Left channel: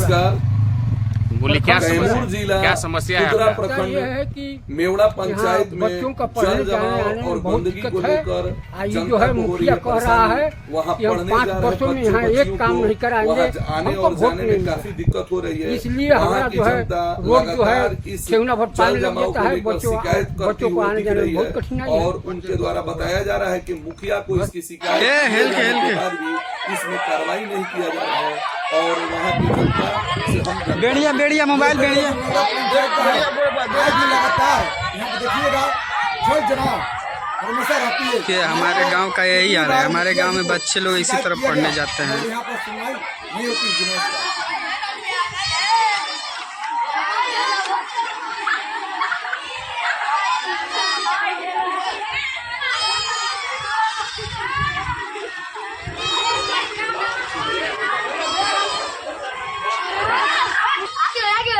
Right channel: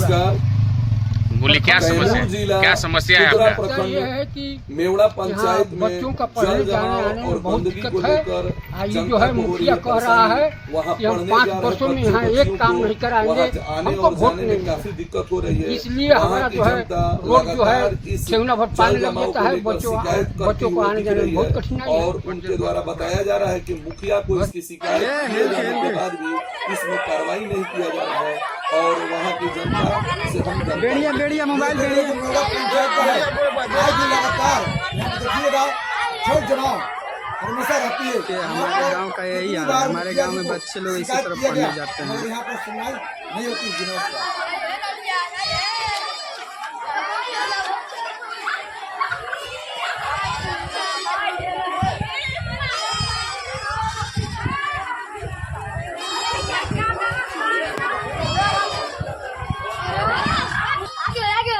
नमस्कार। बोलिए क्या समस्या है आपका? प्रखंड ये है कि मेवड़ा पंचायत में बच्चों का पढ़ने जल जाने जमाव आने और में बहुत गंदगी को दिक्कत है। लेकर ये जो है मुखिया कह रहा है वहाँ कि हम पढ़ने 5 जा रहे वर्षों में बच्चों यहाँ एक काम को नहीं कराएंगे, वहाँ आने हमको और वोट जाने नहीं में काफी दिक्कत हो रही है। इसलिए हमारा जो है रोड जो है ठेवना भर पानी लग जाता है, बच्चों को आने जाने में बहुत कठिनाई है। और उनके द्वारा बताया जा रहा है कि मुखिया को इसकी शिकायत के बाद भी इसमें कार्रवाई नहीं किया जा रहा है और वहाँ की जनता से हम बेड़िया मोबाइल बेड़िया पंचायत का है। आज भी लगातार यहाँ पे देखिएगा जल जमाव हमेशा रहती है। कि हमारे गांव का यही हाल है। हमारे गांव में बच्चे लोग इसी तरफ पढ़ने जाते हैं। यहाँ पर सुनवाई नहीं होती जिनों का।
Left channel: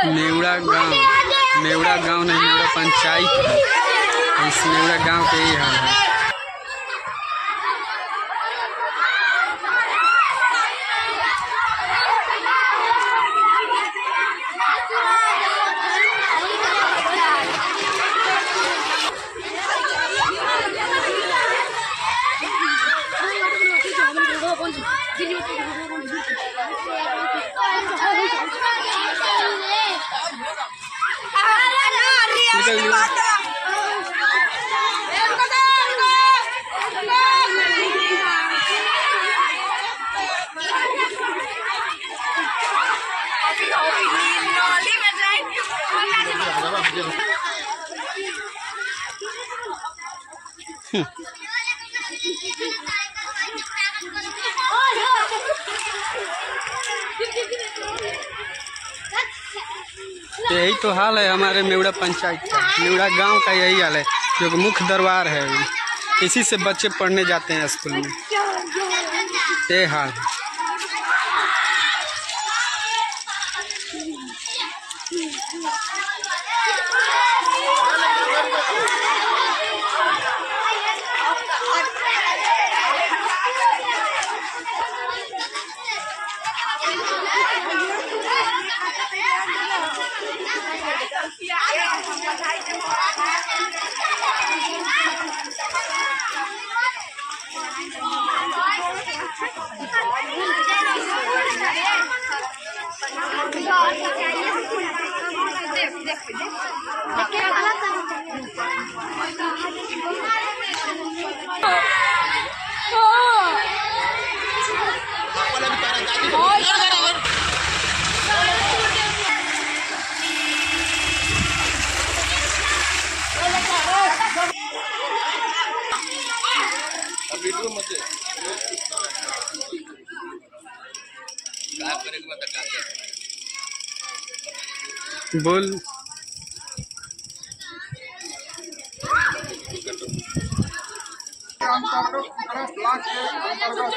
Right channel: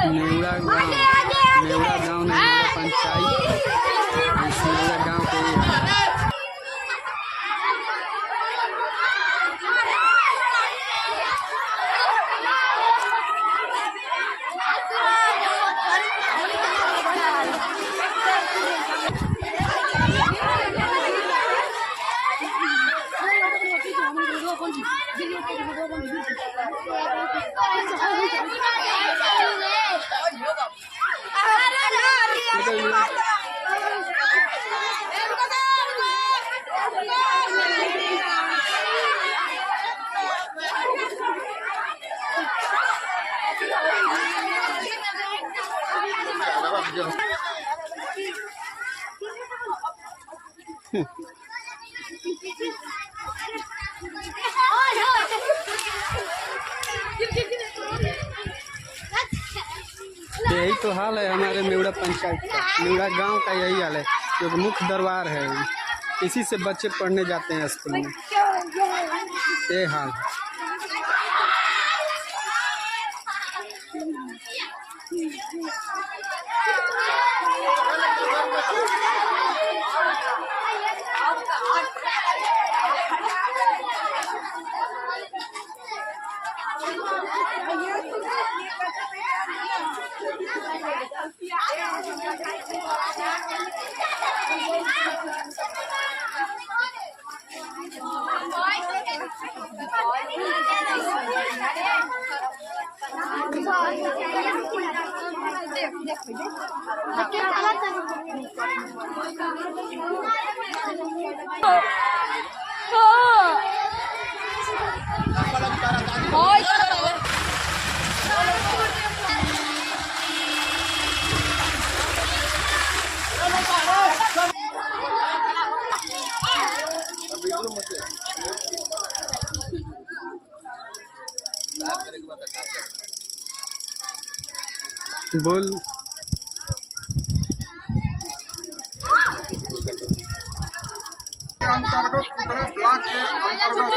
मेवड़ा गांव नहीं, मेवड़ा पंचायत है। इस मेवड़ा गांव के ही हाल है। यही तो हाल है हमारे मेवड़ा पंचायत का। मेवड़ा गांव का यही हाल है, जो कि मुख्य दरबार है। इसी से बच्चे पढ़ने जाते हैं स्कूल में। ये हाल है। बोल अंतर्गत कुतरा ब्लॉक के अंतर्गत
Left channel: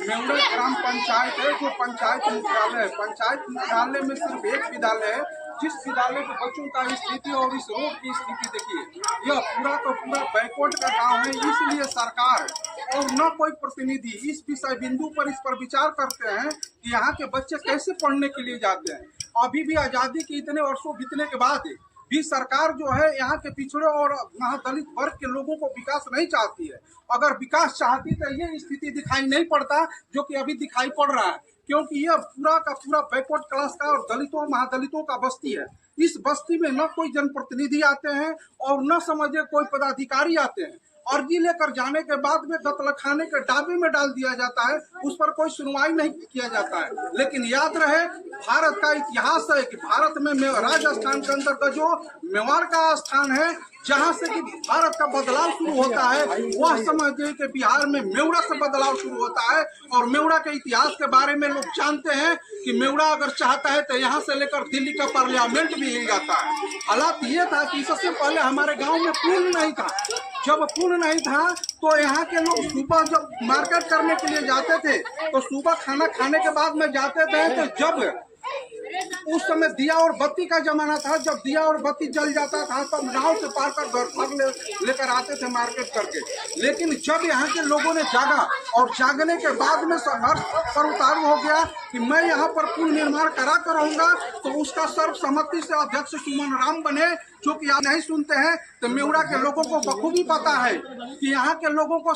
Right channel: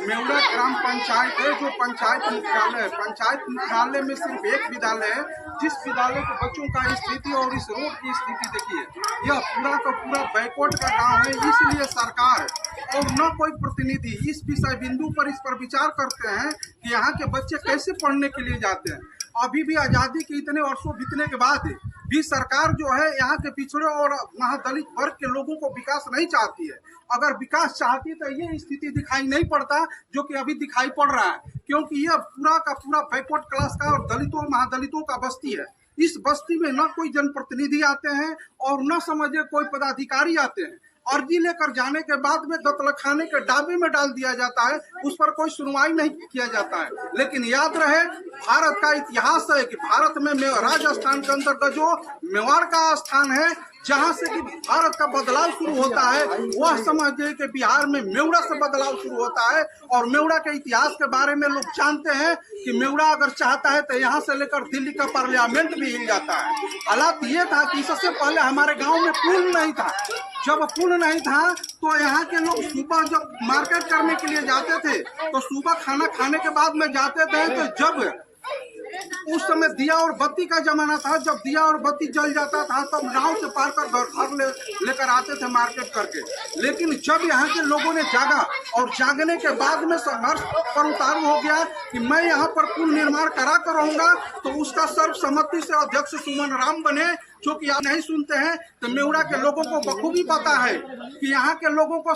मेवड़ा ग्राम पंचायत है, जो पंचायत मुख्यालय है। पंचायत मुख्यालय में सिर्फ एक विद्यालय है, जिस विद्यालय के बच्चों का स्थिति और इस रोड की स्थिति देखिए। यह पूरा का पूरा बैकवर्ड का गांव है, इसलिए सरकार और न कोई प्रतिनिधि इस विषय बिंदु पर इस पर विचार करते हैं कि यहाँ के बच्चे कैसे पढ़ने के लिए जाते हैं। अभी भी आज़ादी के इतने वर्षों बीतने के बाद भी सरकार जो है यहाँ के पिछड़े और महादलित वर्ग के लोगों को विकास नहीं चाहती है। अगर विकास चाहती तो ये स्थिति दिखाई नहीं पड़ता जो कि अभी दिखाई पड़ रहा है, क्योंकि यह पूरा का पूरा बैकवर्ड क्लास का और दलितों महादलितों का बस्ती है। इस बस्ती में न कोई जनप्रतिनिधि आते हैं और न समझे कोई पदाधिकारी आते हैं। अर्जी लेकर जाने के बाद में दत्तलखाने के डाबे में डाल दिया जाता है, उस पर कोई सुनवाई नहीं किया जाता है। लेकिन याद रहे, भारत का इतिहास है कि भारत में राजस्थान के अंतर्गत जो मेवाड़ का स्थान है, जहां से कि भारत का बदलाव शुरू होता है, वह समझिए कि बिहार में मेवड़ा से बदलाव शुरू होता है। और मेवड़ा के इतिहास के बारे में लोग जानते हैं कि मेवड़ा अगर चाहता है तो यहाँ से लेकर दिल्ली का पार्लियामेंट भी हिल जाता है। हालात ये था कि इससे पहले हमारे गांव में पुल नहीं था। जब पुल नहीं था तो यहाँ के लोग सुबह जब मार्केट करने के लिए जाते थे तो सुबह खाना खाने के बाद में जाते थे, तो जब उस समय दिया और बत्ती का जमाना था। जब दिया और बत्ती जल जाता था तब नाव से पार कर घर लेकर आते थे मार्केट करके। लेकिन जब यहाँ के लोगों ने जागा और जागने के बाद में संघर्ष पर उतारू हो गया कि मैं यहाँ पर पुल निर्माण करा कर रहूंगा, तो उसका सर्वसम्मति से अध्यक्ष सुमन राम बने, जो कि आप नहीं सुनते हैं। तो मेवड़ा के लोगों को बखूबी पता है कि यहाँ के लोगों को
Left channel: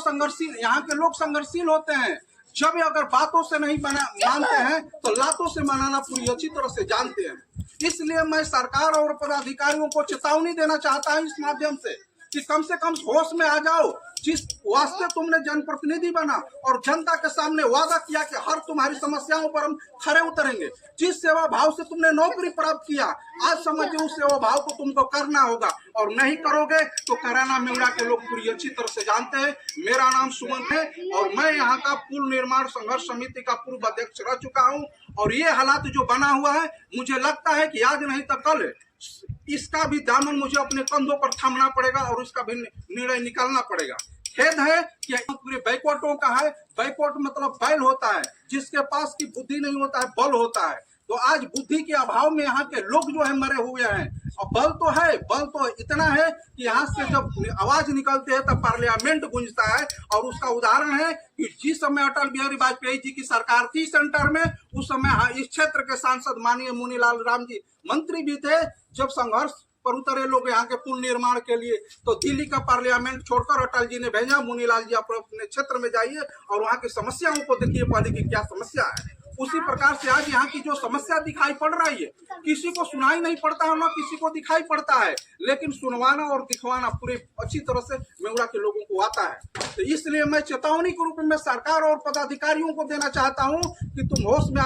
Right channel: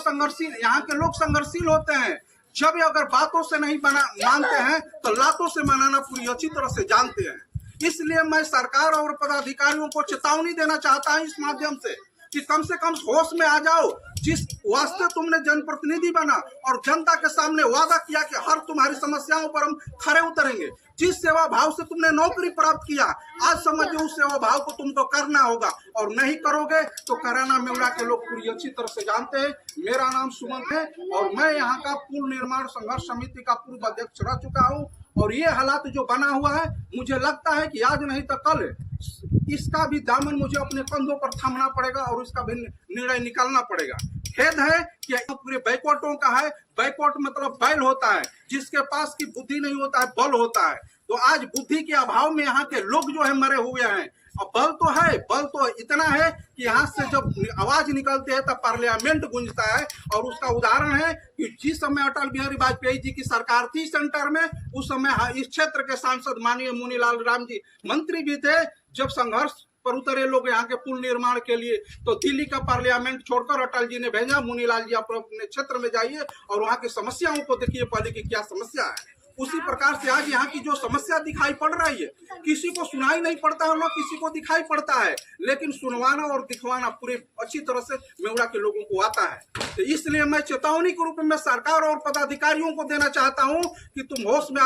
यहाँ के लोग संघर्षशील होते हैं। जब अगर बातों से नहीं मानते हैं तो लातों से मनाना पूरी अच्छी तरह से जानते हैं। इसलिए मैं सरकार और पदाधिकारियों को चेतावनी देना चाहता हूं इस माध्यम से कम होश में आ जाओ। जिस वास्ते तुमने जनप्रतिनिधि बना और जनता के सामने वादा किया कि हर तुम्हारी समस्याओं पर हम खरे उतरेंगे, जिस सेवा भाव से तुमने नौकरी प्राप्त किया, आज समझिए उस सेवा भाव को तुमको करना होगा। और नहीं करोगे तो कराना मेवड़ा के लोग पूरी अच्छी तरह से जानते हैं। मेरा नाम सुमन है और मैं यहाँ का पुल निर्माण संघर्ष समिति का पूर्व अध्यक्ष रह चुका हूँ। और ये हालात जो बना हुआ है, मुझे लगता है कि आज नहीं तो कल इसका भी दामन मुझे अपने कंधों पर थामना पड़ेगा और इसका भी निर्णय निकालना पड़ेगा। खेद है कि पूरे बैकवर्डों का है। बैकवर्ड मतलब बैल होता है, जिसके पास की बुद्धि नहीं होता है, बल होता है। तो आज बुद्धि के अभाव में यहाँ के लोग जो है मरे हुए हैं। और बल तो है, बल तो इतना है कि यहाँ से जब आवाज निकलती है तब पार्लियामेंट गूंजता है। और उसका उदाहरण है कि जिस समय अटल बिहारी वाजपेयी जी की सरकार थी सेंटर में, उस समय इस क्षेत्र के सांसद माननीय मुनीलाल राम जी मंत्री भी थे। जब संघर्ष पर उतरे लोग यहाँ के पुल निर्माण के लिए, तो दिल्ली का पार्लियामेंट छोड़कर अटल जी ने भेजा, मुनीलाल जी आप अपने क्षेत्र में जाइए और वहाँ की समस्याओं को देखिए पहले की क्या समस्या है। उसी प्रकार से आज यहाँ की जो समस्या दिखाई पड़ रही है, किसी को सुनाई नहीं पड़ता है, ना किसी को दिखाई पड़ता है, लेकिन सुनवाना और दिखवाना पूरी अच्छी तरह से मेवड़ा के लोगों को आता है। तो इसलिए मैं चेतावनी के रूप में सरकार और पदाधिकारियों को देना चाहता हूँ कि तुम होश में